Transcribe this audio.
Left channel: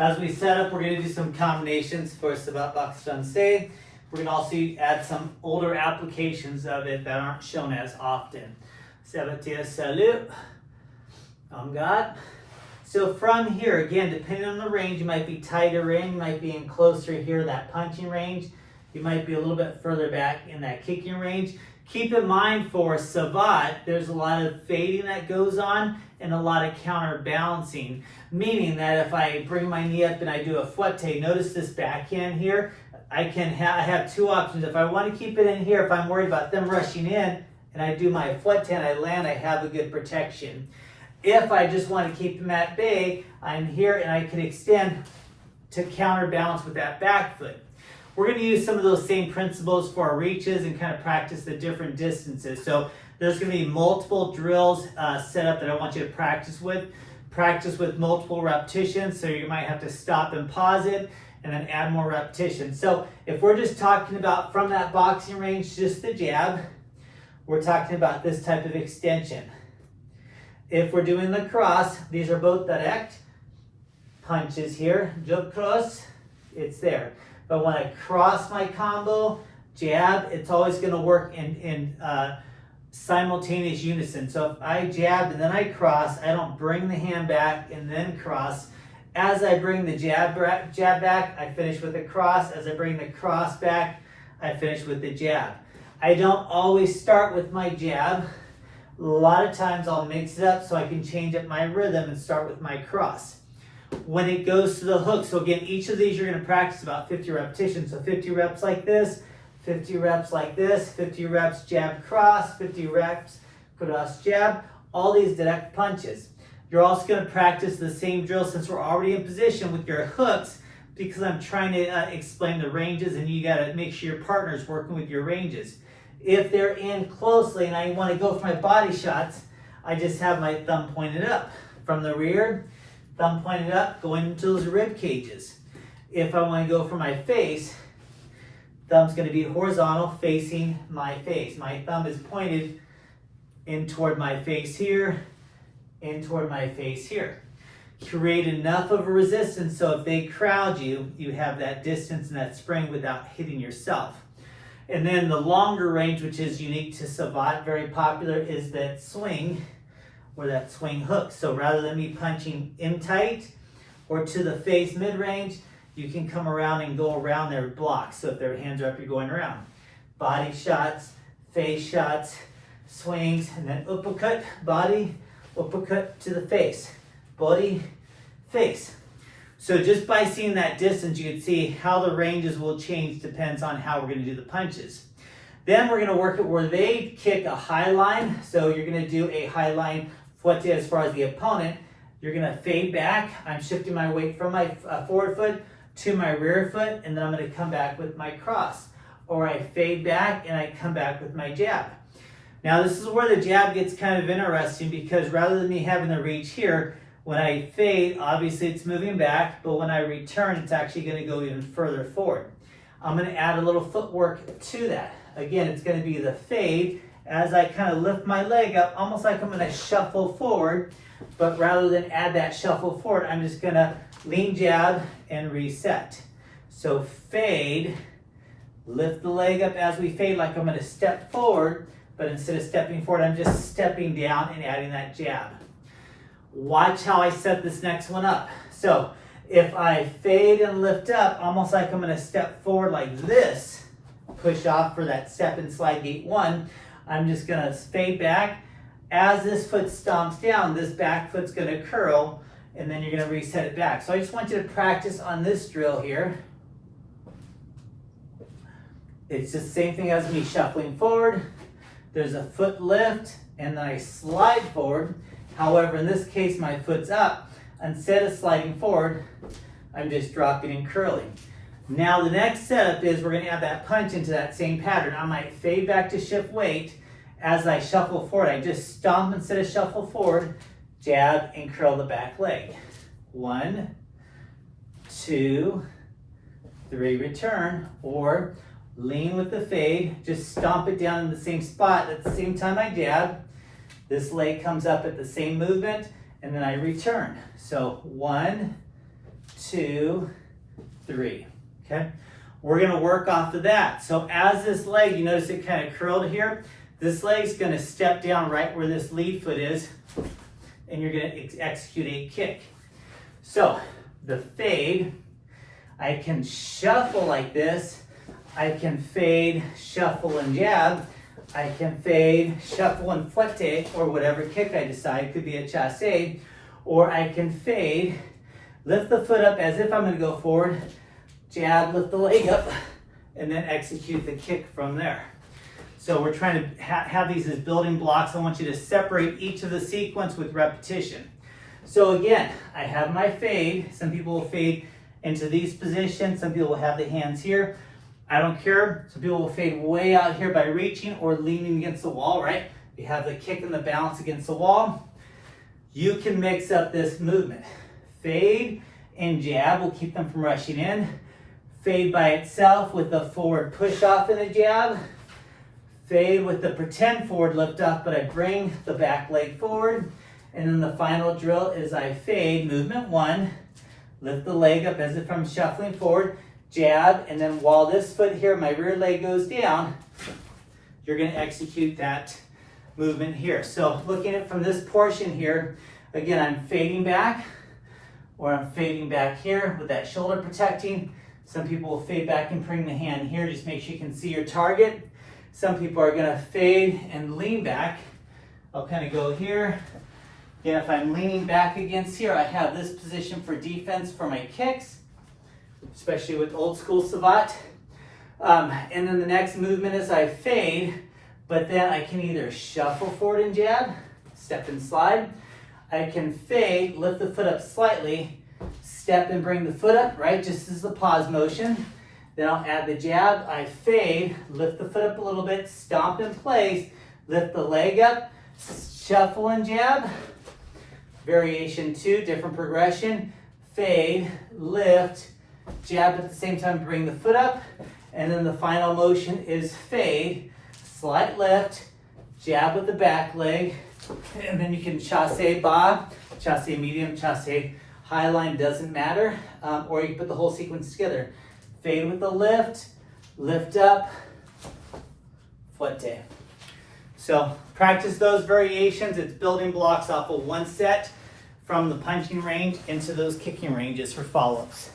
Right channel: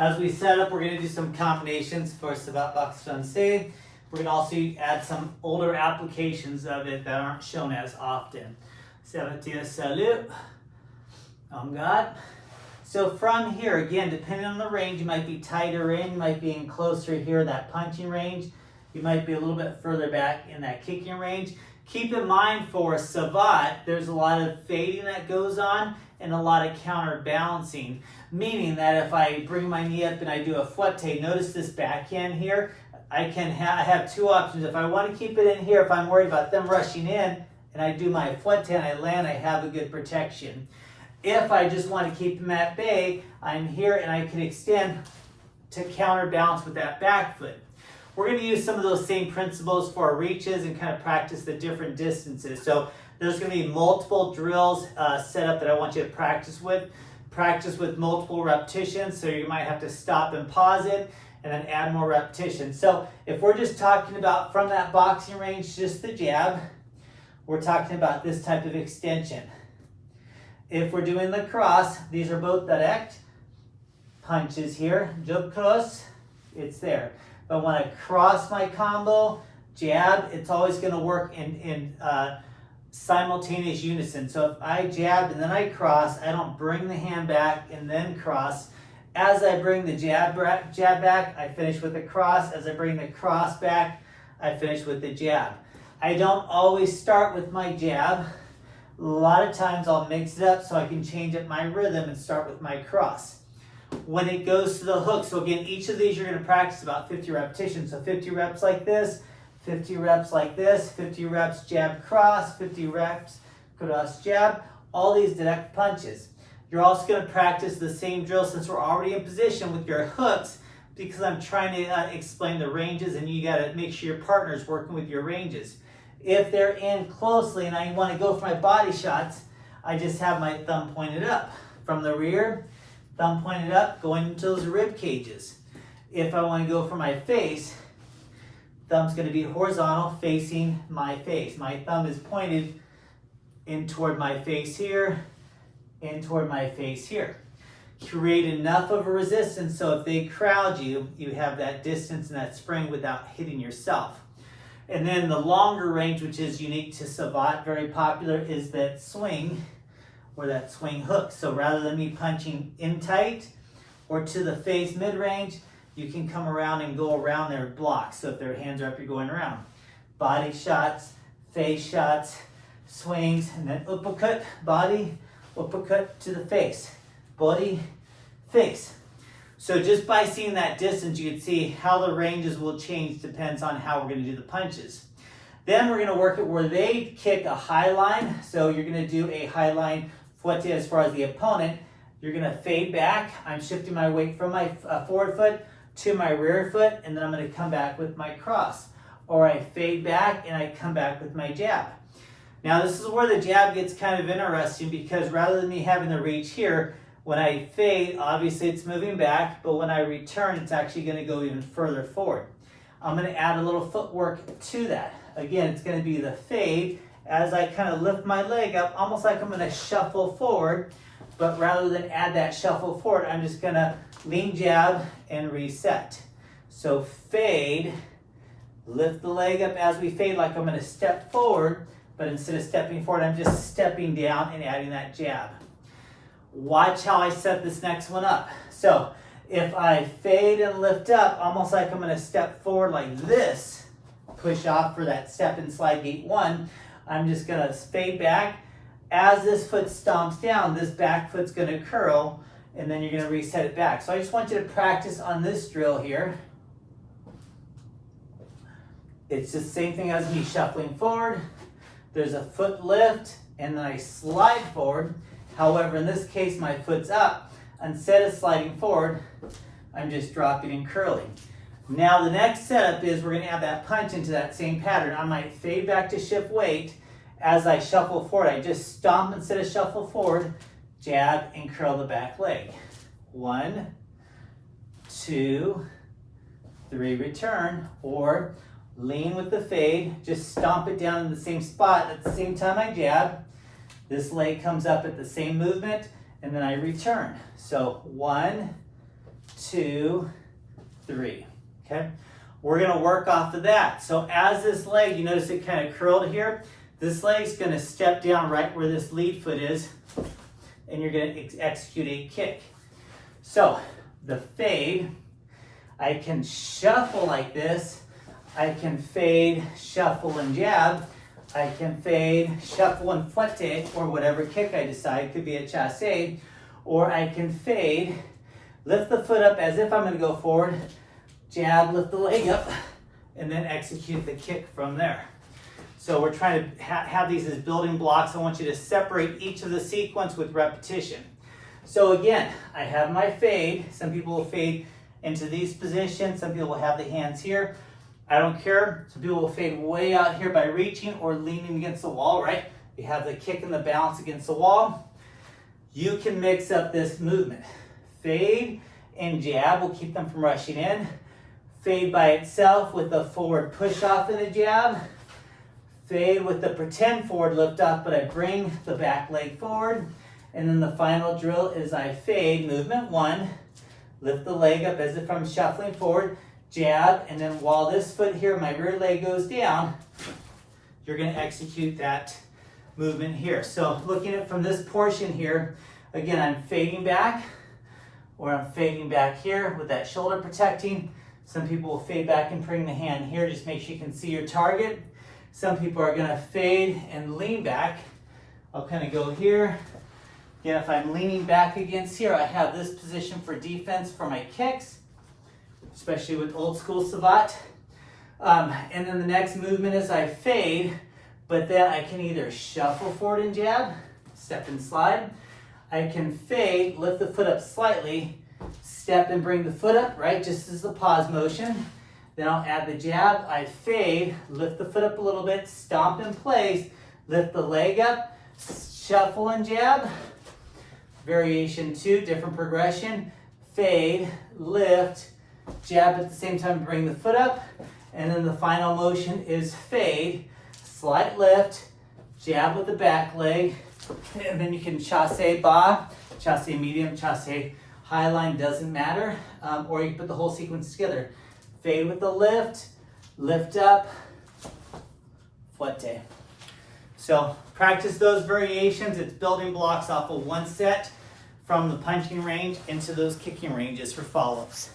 As we set up, we're going to do some combinations for Savate box français. We're going to also add some older applications of it that aren't shown as often. Savate, salut, on God. So from here, again, depending on the range, you might be tighter in, you might be in closer here, that punching range. You might be a little bit further back in that kicking range. Keep in mind for Savate, there's a lot of fading that goes on and a lot of counterbalancing. Meaning that if I bring my knee up and I do a fouette, notice this backhand here, I have two options. If I want to keep it in here, if I'm worried about them rushing in, and I do my fouette and I land, I have a good protection. If I just want to keep them at bay, I'm here and I can extend to counterbalance with that back foot. We're going to use some of those same principles for our reaches and kind of practice the different distances. So there's going to be multiple drills set up that I want you to practice with. Practice with multiple repetitions, so you might have to stop and pause it and then add more repetitions. So if we're just talking about from that boxing range, just the jab, we're talking about this type of extension. If we're doing the cross, these are both direct punches here. Jab cross, it's there. But when I cross my combo, jab, it's always going to work in simultaneous unison. So if I jab and then I cross, I don't bring the hand back and then cross. As I bring the jab back, I finish with the cross. As I bring the cross back, I finish with the jab. I don't always start with my jab. A lot of times I'll mix it up so I can change up my rhythm and start with my cross. When it goes to the hook, so again, each of these you're going to practice about 50 repetitions. So 50 reps like this, 50 reps like this, 50 reps jab cross, 50 reps cross jab, all these direct punches. You're also going to practice the same drill since we're already in position with your hooks, because I'm trying to explain the ranges and you got to make sure your partner's working with your ranges. If they're in closely and I want to go for my body shots, I just have my thumb pointed up. From the rear, thumb pointed up, going into those rib cages. If I want to go for my face, thumb's going to be horizontal facing my face. My thumb is pointed in toward my face here, in toward my face here. Create enough of a resistance so if they crowd you, you have that distance and that spring without hitting yourself. And then the longer range, which is unique to Savate, very popular, is that swing, or that swing hook. So rather than me punching in tight or to the face mid-range, you can come around and go around their blocks. So if their hands are up, you're going around. Body shots, face shots, swings, and then uppercut, body, uppercut to the face. Body, face. So just by seeing that distance, you can see how the ranges will change, depends on how we're going to do the punches. Then we're going to work it where they kick a high line. So you're going to do a high line fouette as far as the opponent. You're going to fade back. I'm shifting my weight from my forward foot to my rear foot, and then I'm going to come back with my cross. Or I fade back and I come back with my jab. Now this is where the jab gets kind of interesting, because rather than me having the reach here, when I fade, obviously it's moving back, but when I return, it's actually going to go even further forward. I'm going to add a little footwork to that. Again, it's going to be the fade as I kind of lift my leg up, almost like I'm going to shuffle forward, but rather than add that shuffle forward, I'm just going to lean jab and reset. So fade, lift the leg up as we fade like I'm going to step forward, but instead of stepping forward, I'm just stepping down and adding that jab. Watch how I set this next one up. So if I fade and lift up, almost like I'm going to step forward like this, push off for that step and slide gate one, I'm just going to fade back. As this foot stomps down, this back foot's going to curl, and then you're going to reset it back. So I just want you to practice on this drill here. It's the same thing as me shuffling forward. There's a foot lift, and then I slide forward. However, in this case, my foot's up. Instead of sliding forward, I'm just dropping and curling. Now the next setup is we're going to add that punch into that same pattern. I might fade back to shift weight. As I shuffle forward, I just stomp instead of shuffle forward, jab and curl the back leg. 1, 2, 3, return, or lean with the fade, just stomp it down in the same spot. At the same time I jab, this leg comes up at the same movement, and then I return. So 1, 2, 3. Okay? We're going to work off of that. So as this leg, you notice it kind of curled here. This leg's going to step down right where this lead foot is, and you're going to execute a kick. So the fade, I can shuffle like this. I can fade, shuffle, and jab. I can fade, shuffle, and fouette, or whatever kick I decide. It could be a chasse. Or I can fade, lift the foot up as if I'm going to go forward, jab, lift the leg up, and then execute the kick from there. So we're trying to have these as building blocks. I want you to separate each of the sequence with repetition. So again, I have my fade. Some people will fade into these positions. Some people will have the hands here. I don't care. Some people will fade way out here by reaching or leaning against the wall, right? You have the kick and the bounce against the wall. You can mix up this movement. Fade and jab will keep them from rushing in. Fade by itself with a forward push off and a jab. Fade with the pretend forward lift off, but I bring the back leg forward. And then the final drill is I fade, movement 1, lift the leg up as if I'm shuffling forward, jab, and then while this foot here, my rear leg goes down, you're going to execute that movement here. So looking at it from this portion here, again, I'm fading back, or I'm fading back here with that shoulder protecting. Some people will fade back and bring the hand here. Just make sure you can see your target. Some people are going to fade and lean back. I'll kind of go here. Again, if I'm leaning back against here, I have this position for defense for my kicks, especially with old school Savate. And then the next movement is I fade, but then I can either shuffle forward and jab, step and slide. I can fade, lift the foot up slightly, step and bring the foot up, right? Just as the pause motion. Then I'll add the jab. I fade, lift the foot up a little bit, stomp in place, lift the leg up, shuffle and jab. Variation 2, different progression. Fade, lift, jab at the same time, bring the foot up. And then the final motion is fade, slight lift, jab with the back leg. And then you can chasse bas, chasse medium, chasse high line, doesn't matter. Or you can put the whole sequence together. Fade with the lift, lift up, fouette. So practice those variations. It's building blocks off of one set from the punching range into those kicking ranges for follow-ups.